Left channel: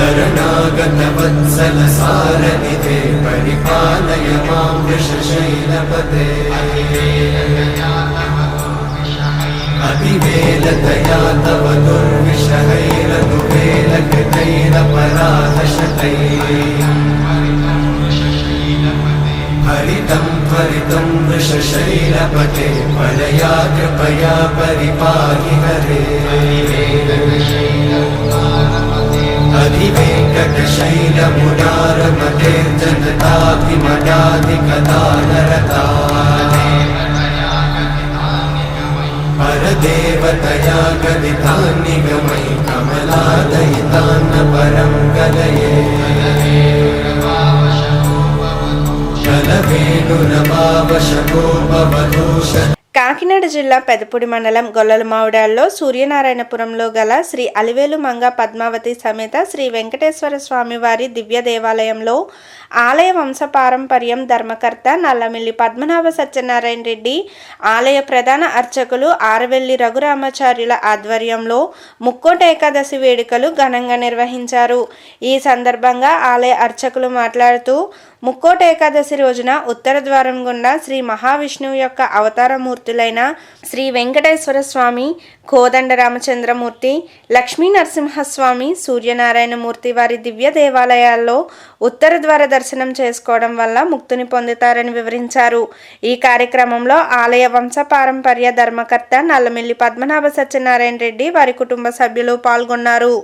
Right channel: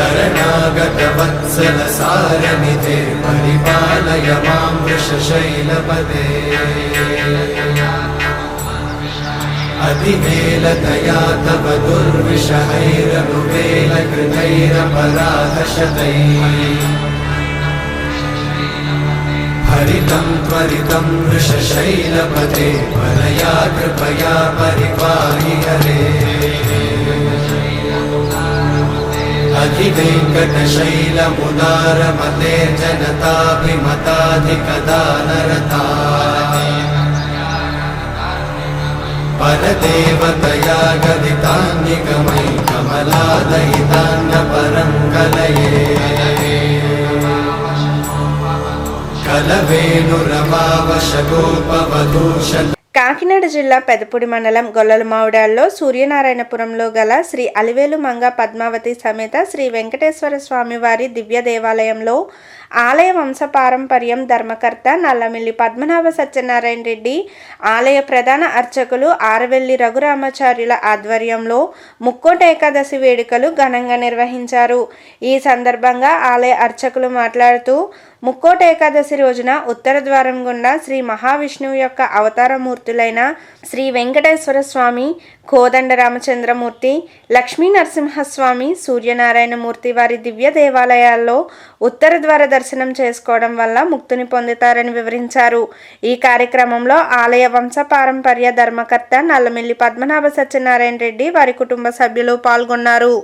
शरणागतवत्सलसारनिधे परिपालय मां वृषशैलपदे अतिवेलतया तव दुर्विषहैरनुवेलकृतैरपराधशतैः हरितं त्वरितं वृषशैलपते वरया कृपया परिपाहि हरे अधिवेङ्कटशैलमुदारमते जनताभिमताधिकदानरता परदेवतया गदितान्निगमै कमलादयितान्न परं कलये कलवेणुरमावशतोपवधूष కాకినాడ జిల్లా పెదపూడి మండలం గొల్లలమావిడాల్లో సూర్యనారాయణపురంలో గల శ్రీ అలివేలు మంగ పద్మావతి సమేత శ్రీ వెంకటేశ్వర స్వామి వారి దివ్య దేవాలయంలో ఆలయ వంశపారంపర్యం ధర్మకర్త నల్లమిల్లి పద్మనాభ సత్యనారాయణ రెడ్డి, ఆలయ ప్రధాన అర్చకులు ఆరవెల్లి రఘురామాచార్యుల ఆధ్వర్యంలో ముక్కోటి ఏకాదశి వేడుకలు ఘనంగా నిర్వహించారు. ఈ సందర్భంగా ఆలయ అర్చకులు మాట్లాడుతూ ముక్కోటి ఏకాదశి రోజున ఉత్తర ద్వారం గుండా శ్రీ మహావిష్ణువు యొక్క అవతారమూర్తులైన శ్రీ వెంకటేశ్వర స్వామి, కోదండ రామచంద్రమూర్తి, లక్ష్మీ నరసింహస్వామి, సూర్యనారాయణమూర్తి వారి దివ్య దేవాలయాల్లో ఉత్తర ద్వార దర్శనం చేసుకోవడం వల్ల ముక్తిని పొందుతారని వివరించారు. ఈ కార్యక్రమంలో ఆలయ వంశపారంపర్య ధర్మకర్త నల్లమిల్లి పద్మనాభ సత్యనారాయణ రెడ్డి వారి కుటుంబ సభ్యులు పాల్గొన్నారు.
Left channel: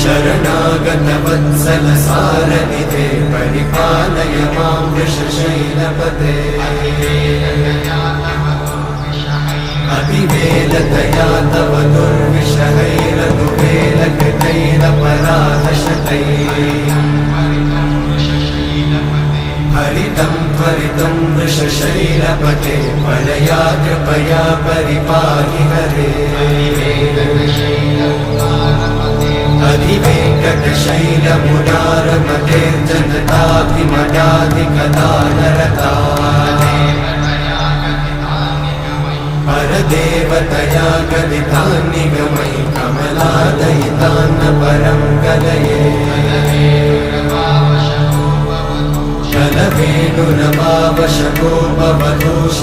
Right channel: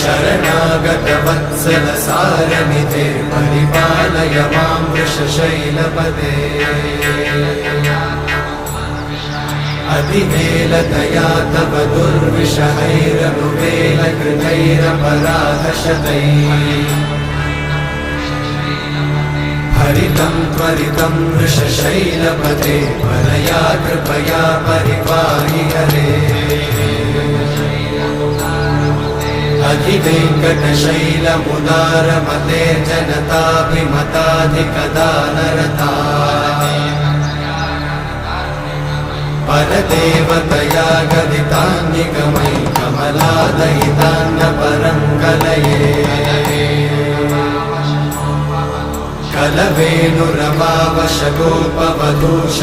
शरणागतवत्सलसारनिधे परिपालय मां वृषशैलपदे अतिवेलतया तव दुर्विषहैरनुवेलकृतैरपराधशतैः हरितं त्वरितं वृषशैलपते वरया कृपया परिपाहि हरे अधिवेङ्कटशैलमुदारमते जनताभिमताधिकदानरता परदेवतया गदितान्निगमै कमलादयितान्न परं कलये कलवेणुरमावशतोपवधूष